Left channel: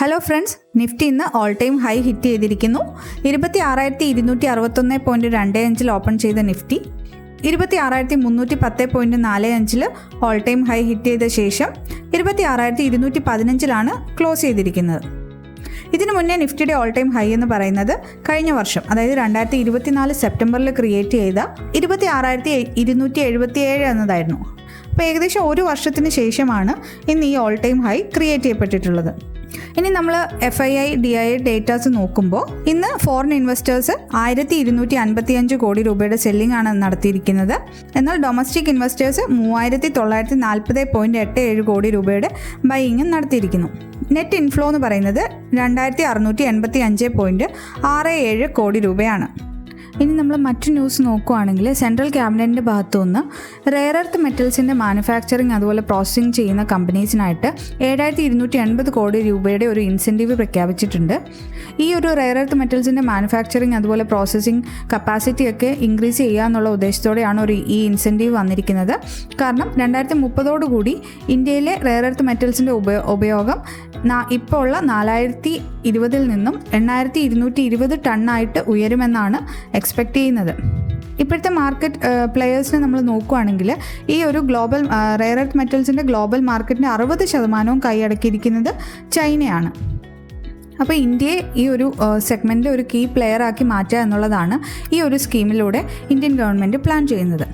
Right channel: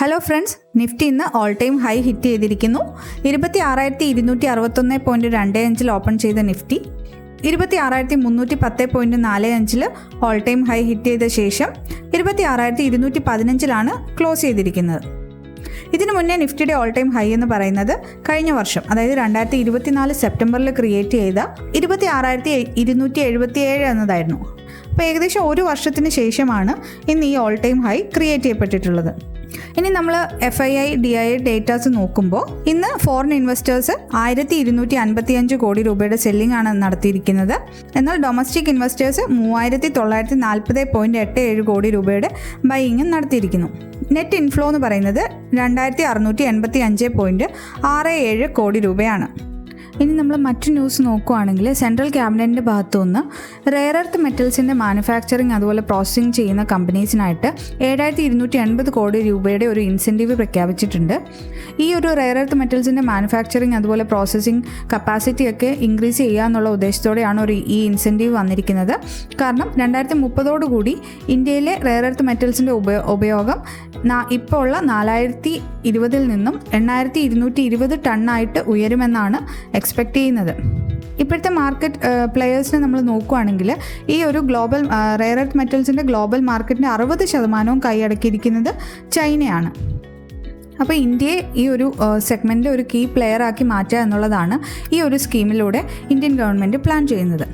Hello friends, Nifty ഇന്ന് all time high hit ചെയ്തിരിക്കുന്നു. 26,260.25 open ചെയ്ത Nifty 26,310.45 all time high hit ചെയ്ത ശേഷം 26,215 ക്ലോസ് ചെയ്തിരിക്കുന്നത്. ഇതിനു മുന്നേ നിഫ്റ്റിയുടെ ഓൾ ടൈം ഹൈ എന്ന് പറയുന്നത് കഴിഞ്ഞ വർഷം, അതായത് 2024 സെപ്റ്റംബറിൽ ക്രിയേറ്റ് ചെയ്ത 26,277 എന്നതായിരുന്നു. അപ്പോൾ ഏകദേശം ഒരു വർഷത്തിന് ശേഷമാണ് ഇന്ന് ഈ ഓൾ ടൈം ഹൈ ക്രിയേറ്റ് ചെയ്യപ്പെട്ടിട്ടുള്ളത്. ഇനി നമ്മൾ FII DII ഡേറ്റാസ് നോക്കുമ്പോൾ ഇന്ന് ഫോറിൻ ഇൻവെസ്റ്റേഴ്സ് 1,255 കോടി രൂപയുടെ സെല്ലിംഗ് ആണ് നടത്തിയിരിക്കുന്നത്. എന്നാൽ ഡൊമസ്റ്റിക് ഇൻവെസ്റ്റേഴ്സ് 3,940.87 കോടി രൂപയുടെ ബൈയിങ്ങും നടത്തിയിരിക്കുന്നു. നെറ്റ് ഇൻഫ്ലോ എന്ന് പറയുന്നത് 2,685.67 കോടി രൂപയാണ്. ഇനി നമ്മൾ മറ്റു ന്യൂസ് നോക്കുകയാണെങ്കിൽ സെൻട്രൽ ക്യാബിനറ്റിൻ്റെ ഭാഗത്തു നിന്ന് റെയർ എർത്ത് മെറ്റൽസിൻ്റെ മാനുഫാക്ചറിങ് അതുപോലെ പ്രോസസ്സിംഗ് ചെയ്യുന്ന കമ്പനീസിനായിട്ട് 7,280 കോടി രൂപയുടെ ഒരു ഇൻസെൻറ്റീവ് പ്രഖ്യാപിച്ചിട്ടുണ്ട്. ഈ ഒരു റെയർ എർത്ത് മെറ്റൽസിൻ്റെ മാനുഫാക്ചറിങ് അതുപോലെ പ്രോസസ്സിംഗ് കപ്പാസിറ്റി ഒക്കെ ഇൻക്രീസ് ചെയ്യുക എന്നുള്ള ഉദ്ദേശത്തോടെയാണ് ഈ ഇൻസെൻറ്റീവ് വന്നിരിക്കുന്നത്. കാരണം 2030 ഇന്ത്യയിലെ റെയർ എർത്ത് മെറ്റൽസിൻ്റെ ഉപയോഗം ഇപ്പോൾ ഉള്ള 4,020 നിന്നും 8,220 ടണ്ണായിട്ട് ഉയരുമെന്നാണ് എക്സ്പെക്റ്റ് ചെയ്യുന്നത്. ഇപ്പോഴത്തെ മാർക്കറ്റ് പ്ലെയേഴ്സിനെ നമ്മൾ നോക്കുകയാണെങ്കിൽ ഈ ഒരു ഗ്ലോബൽ റെയർ എർത്ത് മെറ്റൽസിൻ്റെ ഗ്ലോബൽ മാർക്കറ്റിന് 60% കൈയടക്കിയിരിക്കുന്നത് ചൈനയാണ്. അപ്പോൾ ഇന്ത്യയെ ഈ ഒരു സെഗ്മെൻറ്റ് ഒരു കീ പ്ലെയർ ആക്കി മാറ്റുക എന്നുള്ളതാണ് ഈ ഒരു സ്കീമിലൂടെ ഇന്ത്യൻ ഗവൺമെൻറ് പ്ലാൻ ചെയ്യുന്നത്.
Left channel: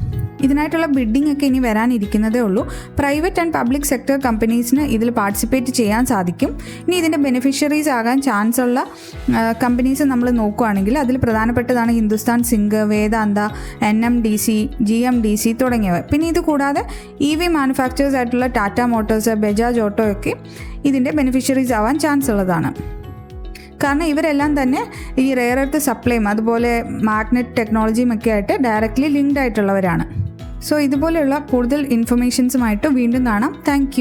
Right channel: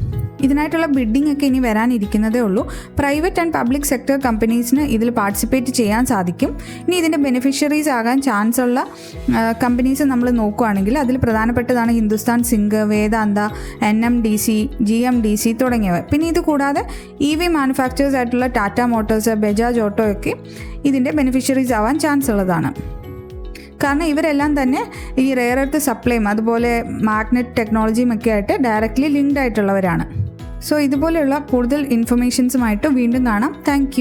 ഇതിനായിട്ടുള്ള ബിഡിംഗ് ഒക്കെ ഇനി വരാനിരിക്കുന്നതേ ഉള്ളൂ. പ്രൈവറ്റ് ആൻഡ് പബ്ലിക് സെക്ടർ കമ്പനീസിന് ഇതിൽ പാർട്ടിസിപ്പേറ്റ് ചെയ്യാൻ സാധിക്കും. ഇനി ഇതിൻ്റെ ബെനിഫിഷ്യറീസ് ആകാൻ ചാൻസ് ഉള്ള കമ്പനീസ് നമ്മൾ നോക്കുകയാണെങ്കിൽ അതിൽ പ്രധാനപ്പെട്ടതാണ് ഹിന്ദുസ്ഥാൻ സിങ്ക്, വേദാന്ത, NMDC, GMDC തുടങ്ങിയവ. പിന്നെ ഇത് കൂടാതെ EV മാനുഫാക്ചേഴ്സ് ആയിട്ടുള്ള ടാറ്റ മോട്ടോഴ്സ്, ബജാജ് ഓട്ടോ ഒക്കെ ഇതിൻ്റെ ബെനിഫിഷ്യറീസ് ആവാൻ ചാൻസ് ഉള്ളതാണ്. കാരണം ഇവരെല്ലാം തന്നെ ഈ റെയർ എർത്ത് സപ്ലൈയും അതുപോലെ മാഗ്നറ്റ് ടെക്നോളജിയും ഒക്കെ ആയിട്ട് ഡയറക്റ്റ്ലി ലിങ്ക്ഡ് ആയിട്ടുള്ളവരാണ്. സോ ഇതുപോലെയുള്ള കൂടുതൽ ഇൻഫർമേഷൻസുമായിട്ട് വീണ്ടും കാണാം. താങ്ക്